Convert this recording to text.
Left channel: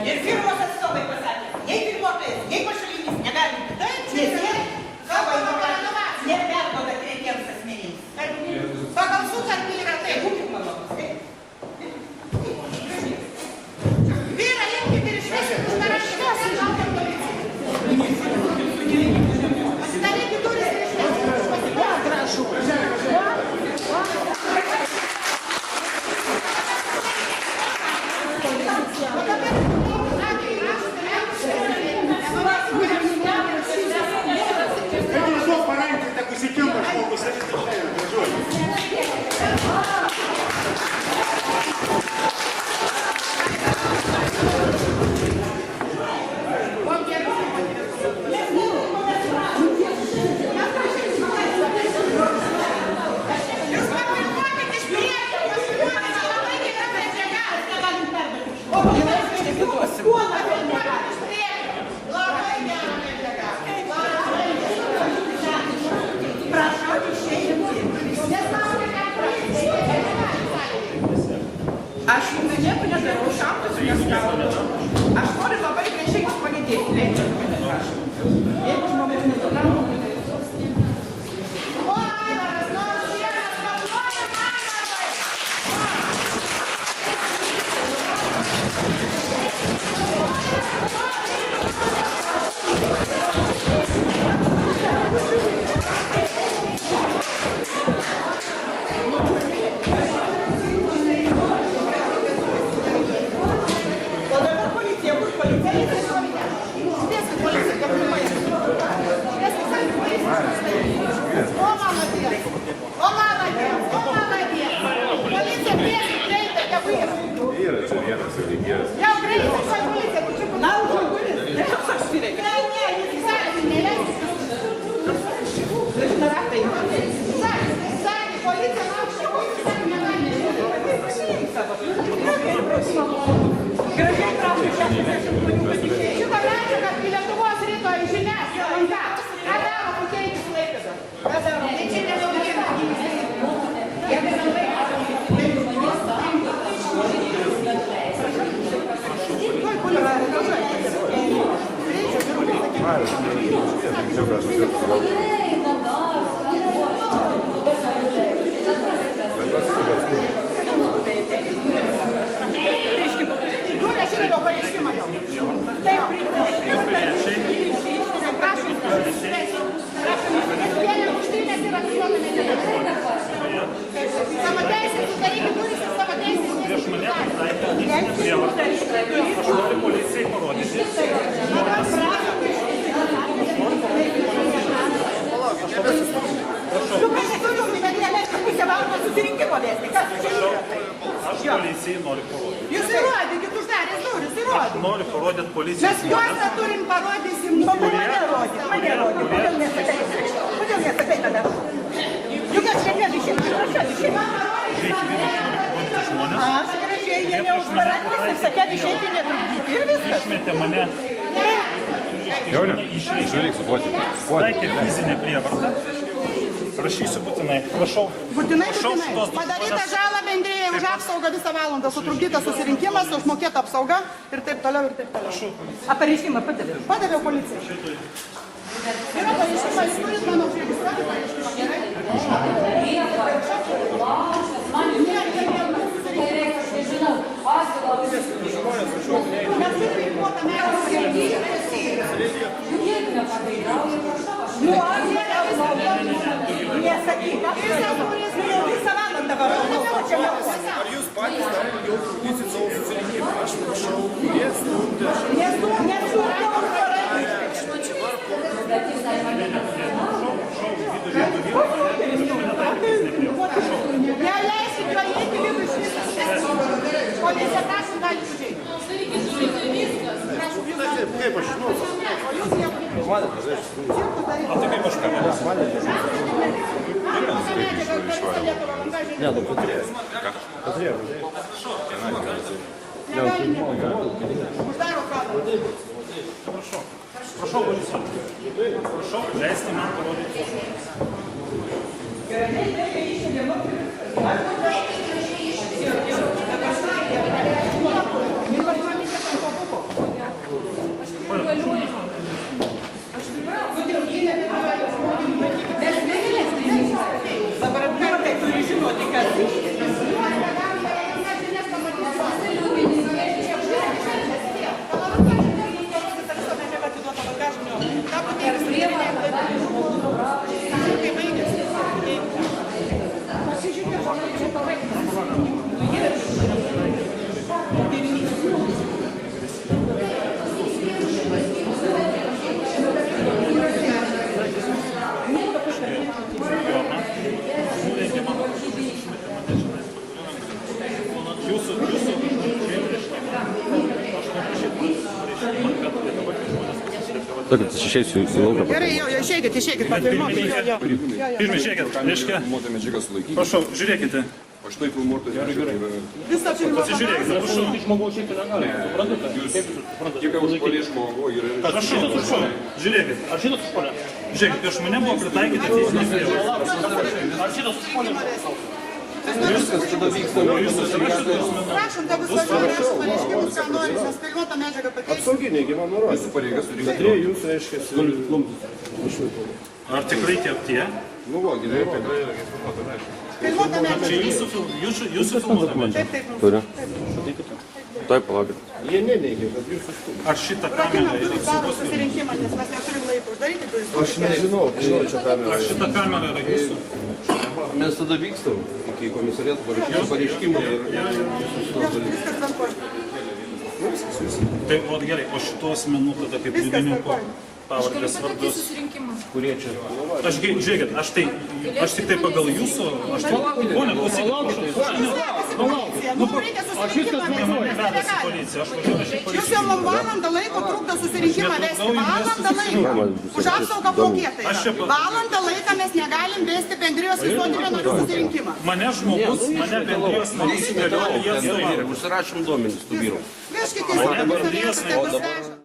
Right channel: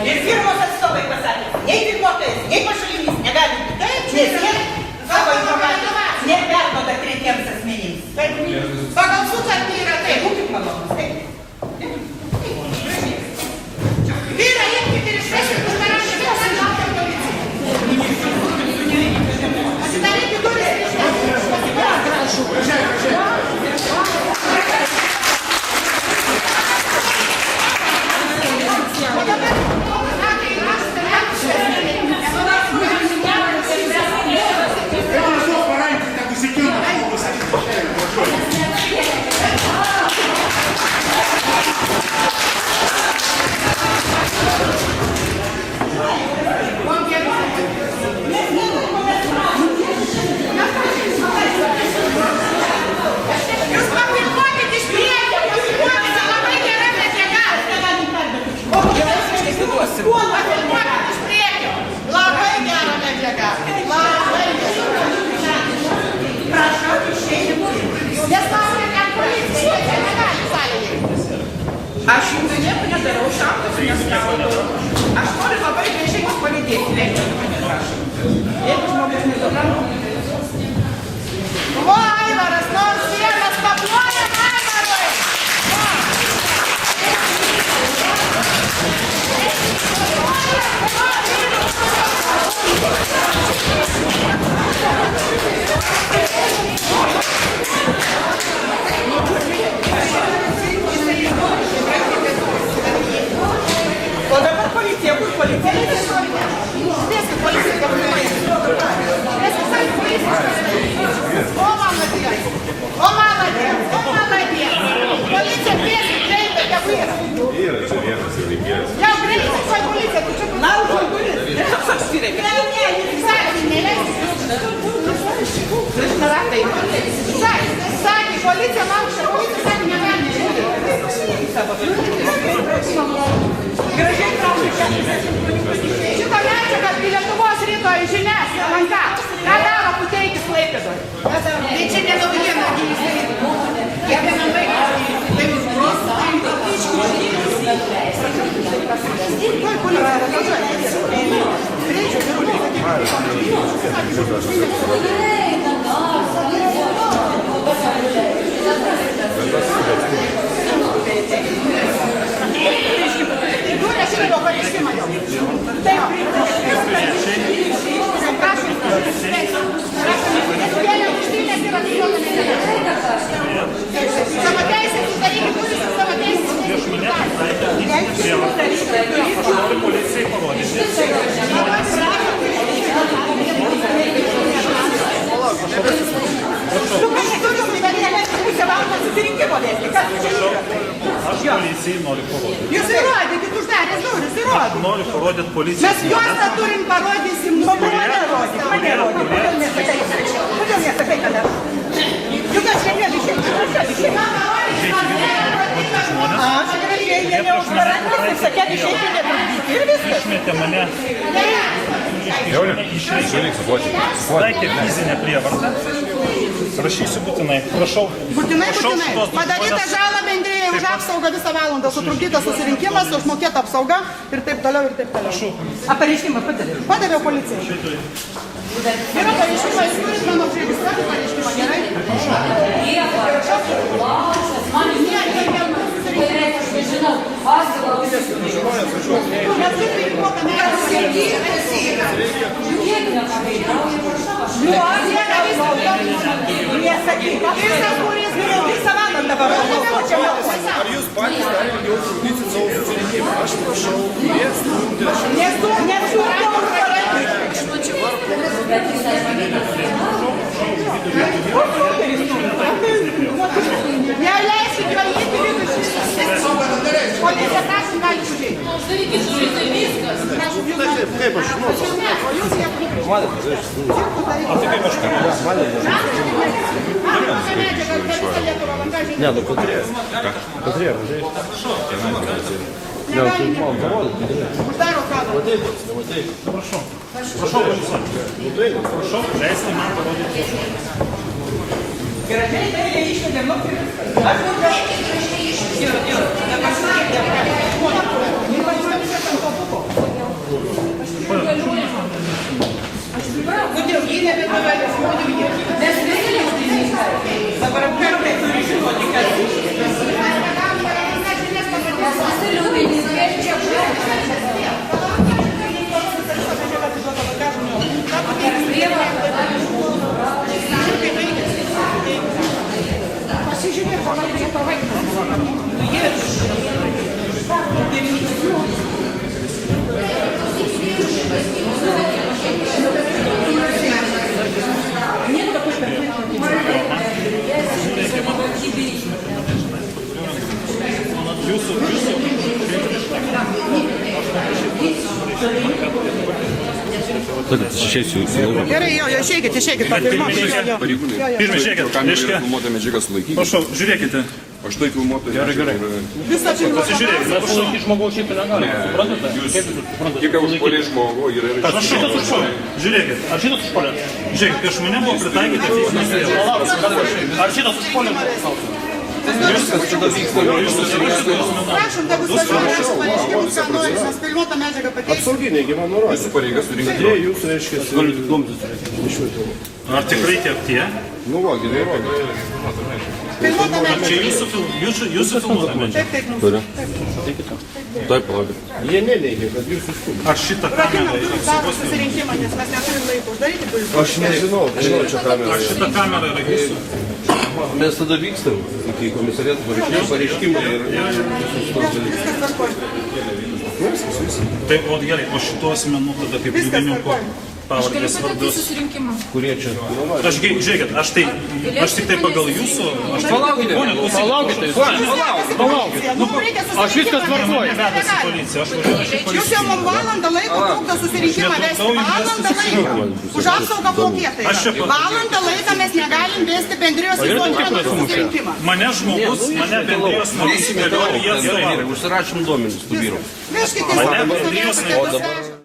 Ir firmos atstovai pasakė, nei firmotojas, nei pašalinis negali būti, nes jie savo informaciją neperduoda tretiems asmenims. Pagal sutartį yra taip. Būkit malonus, taip. Vyra, imkite ir išveskite už parašymą, kad laukia policija. Pasidarykite duris ir išveskite. Pasiprašau. O dabar, kai rašote, jūs papilnuokit iš priekio, pasiduokite, labai gera medžiaga. Papilnuokit iš priekio, labai gera medžiaga. Prašau, išėjim. Nes laukia, kad policija negali sąlygį. Aš jums nieko nedarau, šauktus neskaudau. Aš noriu labai gražiai jūs palydėti. Leidžiu mane, prašau. Jeigu žmogus nesupranta. O, Aivaras, nors vienas kapuojam, Aivarai! O dabar policija, kur policija? Spėskit, policija, kapuoja. Spėskit, sakė, policija. O, maladės! O, maladės! O, maladės! Policija, spėskit, greitai, kapuoja. Yra čia vienas įvykėjas. Jau greitai, kai policija, tu čia kur... Na, užaugulis. Aš žiūrėk. Ne, jūs sakė, neleiskit. Sakė, policija laukia, policija sakė, negali žiūrėti. Gražiai prašau, 60 žmonių patikėjai. Šitą medžiagą į Lietuvos ryto žinias, LNK. Ką daro Puteikis Klaipėdoje? Tai čia ne naujiena. Tuoj, policija, važiuoja. Greičiau, gerukai, Jūrė šitą pareiškimą jau. Taip, prašom, kėlė užtynės ir atiduoda medžiagą. Savo teisės sudarykit duris ir savo teisės Prieš mane taikė fizinę prievartą. Aš noriu policijai parodyti. Aš policijai noriu parodyti. Jūs įrodykit, uždarės duris, Aš įrodykit. noriu parodyti policijai. Mes juostą turim parodysim. Mane rodyk. Kodėl nesakai? Kodėl nesakai, kad aš? Juk aš šiandien išėjau. Žiūrėkit, vidų noriu parodyti žmonės. Aš gražiai, jie neužvarantys ir sakė, išeiti netrukdyti. Ir viskas. Išmetė mane. Žiūrėk, supuoti. Taikė fizinę prievartą. Prašysiu būtinai. Prašau. Būtinai, Prašau būtinai. šitos Padaryta žala bendrėjai už apsaugą visą valandą, sutrukdytas susirinkimas, užmokėta apsauga ir taip toliau, ir taip toliau. Pareiškimą padaviau. Padaviau policijai. Yra pareiškimą, jūs turit mano užregistruoti pareiškimą, gerai? Prašau. Ne, nebus susirinkimas, aš nežinau. Mes turim įduotą merą. Nesakyk, visą valandą varau. Ar jūs patys dar ilgiau trukdysit savo susirinkimą? Aš prašau, kurie skundė šiandien. Neleiskit jo įeiti vidų iš viso. Policija, prašom, gali užeiti. Prašom, jūs gali. Kaip aš žinau, savo. O jūs nieko. O tai kaip aš ką? Ne, nu Katrė. Katrė, matai. Uždaro kadrą. Prašau. Prašau, policija. Prašau, leisti man parodyti tuos žmonės. Gražiai, tai išvedė moteris. Aš gražiai išvedė. Ir nepasakė, nepasakė ant to buko. Tad išeisiu į lauką. Gerai, jo, išeikit, pafilmuokit. Jo. Pirmie, žiūrėkit, reiškia, Filmuotą medžiagą sulaikyti. prašau, žiūrėkite. Aš tai filmuotą. Gerai. Visą filmuotą. Pasižiūrėkite, prašau. Žmogaus šiaip negali, suprantate? Kaip jūs suprantate? Tik užpuolė žmogų ir Prašau, žiūrėkit. Ar šitas užpuolė? Žiūrėkit, prieš mane buvo pritaikyti teismas vėl. Ar šitas užpuolė? viskas tada vyksta. Prašom, tegu važiuoja su pareiškimus, ką nori, mes filmuotą medžiagą pateiksim. Apsauginiai, gi man nurodė. Jūsų pareigas surinkti. Jūs, reiškia, Ar tikrai tie? nu va, gerai, nurodė. Filmuotą Čia medžiagą. jūsų filmuota medžiaga. Taip, mūsų. Taip, palaukit. Jie neneigia, kad jūs išstūmė. Ar šitą Rakinam kamerą durų daro susirinkimą, nes mes neturim laiko uždaryti durų. Aš nežinau, žinau čia kamerą. Ar šita kamera yra jūsų? Mes tada vykstam iki komisariato pareiškimų ir Viskas tvarkoj. Tai o gerai, o šitų asmenų tada kaip liudininkų pavardės vardus. kurie čia. Aš žiūrėkit, aš tik tai pagal jūsų, aš tai, ponia, klausykit, Aš viskas mane vedasi policija, aš važiuoju į Jūs policiją. jau man valandą laiko trukdo susirinkimą vesti. Valandą laiko. Už apsaugą mokėtai. Valandą laiką mes negalim vesti bendrijos visuotinio narių susirinkimą. Mane žmogus, mane bendrijos narys įgalioja jie atstovauja. Užsirašym duomenis tų vyrų. Vežkite į savo Mane stovėjimą, bendrijos tegu veža.